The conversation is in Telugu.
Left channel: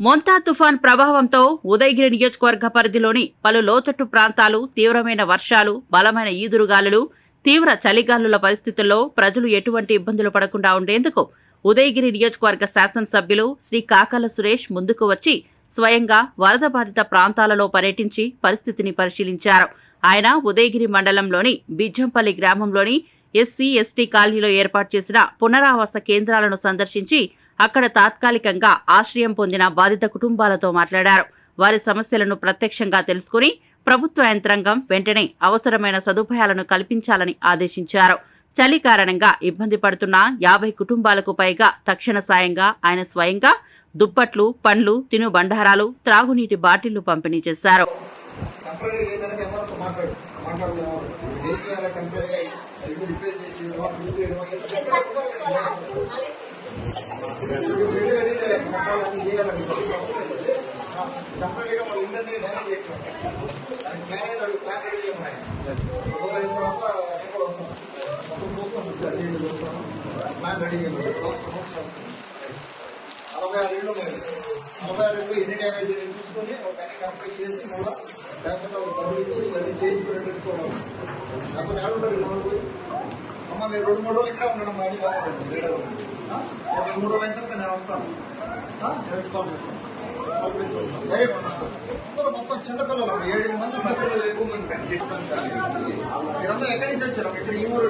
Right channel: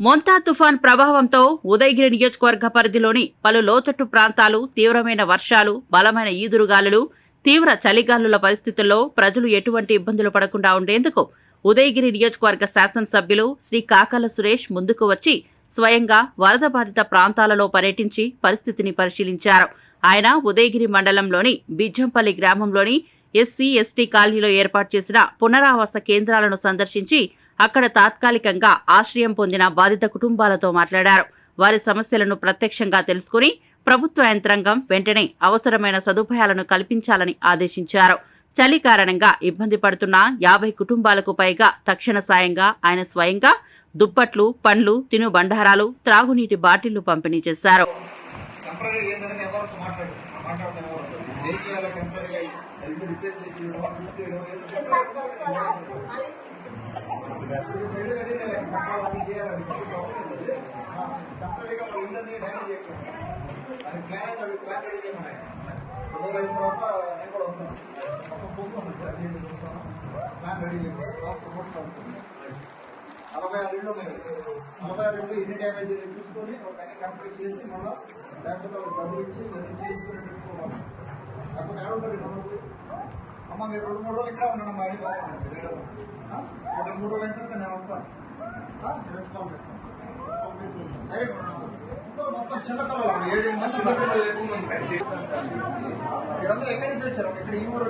మోంతా తుఫాన్ ప్రభావంతో ఉదయగిరి నియోజకవర్గ పరిధిలోని పలు లోతట్టు ప్రాంతాలు తీవ్రమైన వర్షాలు, బలమైన ఈదురుగాలులు, తీవ్ర చలిగాలుల పరిస్థితుల్లో ప్రజలు ఎటువంటి ఇబ్బందులు పడకుండా ఉండేందుకు ఉదయగిరి నియోజకవర్గ శాసనసభ్యులు శ్రీ కాకల సురేష్ ముందుకు వచ్చి స్వయంగా వరద బాధిత ప్రాంతాలలో పర్యటించి పరిస్థితిని పరిశీలించారు. ఆయన ఉదయగిరి మండలంలోని బిజ్జంపల్లి గ్రామంలోని ఎస్సీ, ఎస్టీ కాలనీలో ఏర్పాటు చేసిన పునరావాస కేంద్రాలను సందర్శించి అక్కడ తాత్కాలికంగా ఆశ్రయం పొందిన బాధిత కుటుంబాలతో మాట్లాడారు. వారి సమస్యలను ప్రత్యక్షంగా తెలుసుకుని ప్రభుత్వ యంత్రాంగం వెంటనే అవసరమైన సదుపాయాలను కల్పించాలని ఆదేశించారు. చలి కారణంగా ఇబ్బంది పడుతున్న 50 కుటుంబాలకు పైగా తక్షణ సాయంగా ఆయన స్వయంగా దుప్పట్లు, పండ్లు, తినుబండారాలు, త్రాగునీటి బాటిళ్లు పంపిణీ చేశారు. ఎన్ని డ్యామేజ్ చూసుకొని కంప్లీట్ చేసి మళ్ళీ లేకపోతే డబ్బులు ఇచ్చి మళ్ళీ చేయించుకుని పెట్టుకోవాలి. లేకపోతే ఆడుంటారు అమ్మ మీరు 2-3 రోజులు ఇక్కడ ఉండడం మా 2-3 రోజులు అయిన తర్వాత నేను వస్తాను. అందరూ మొత్తం చిన్నపిల్లలు 7 మంది మీరందరూ ఎక్కడి నుంచి వచ్చారు? ఇక్కడ ఈ ఊరు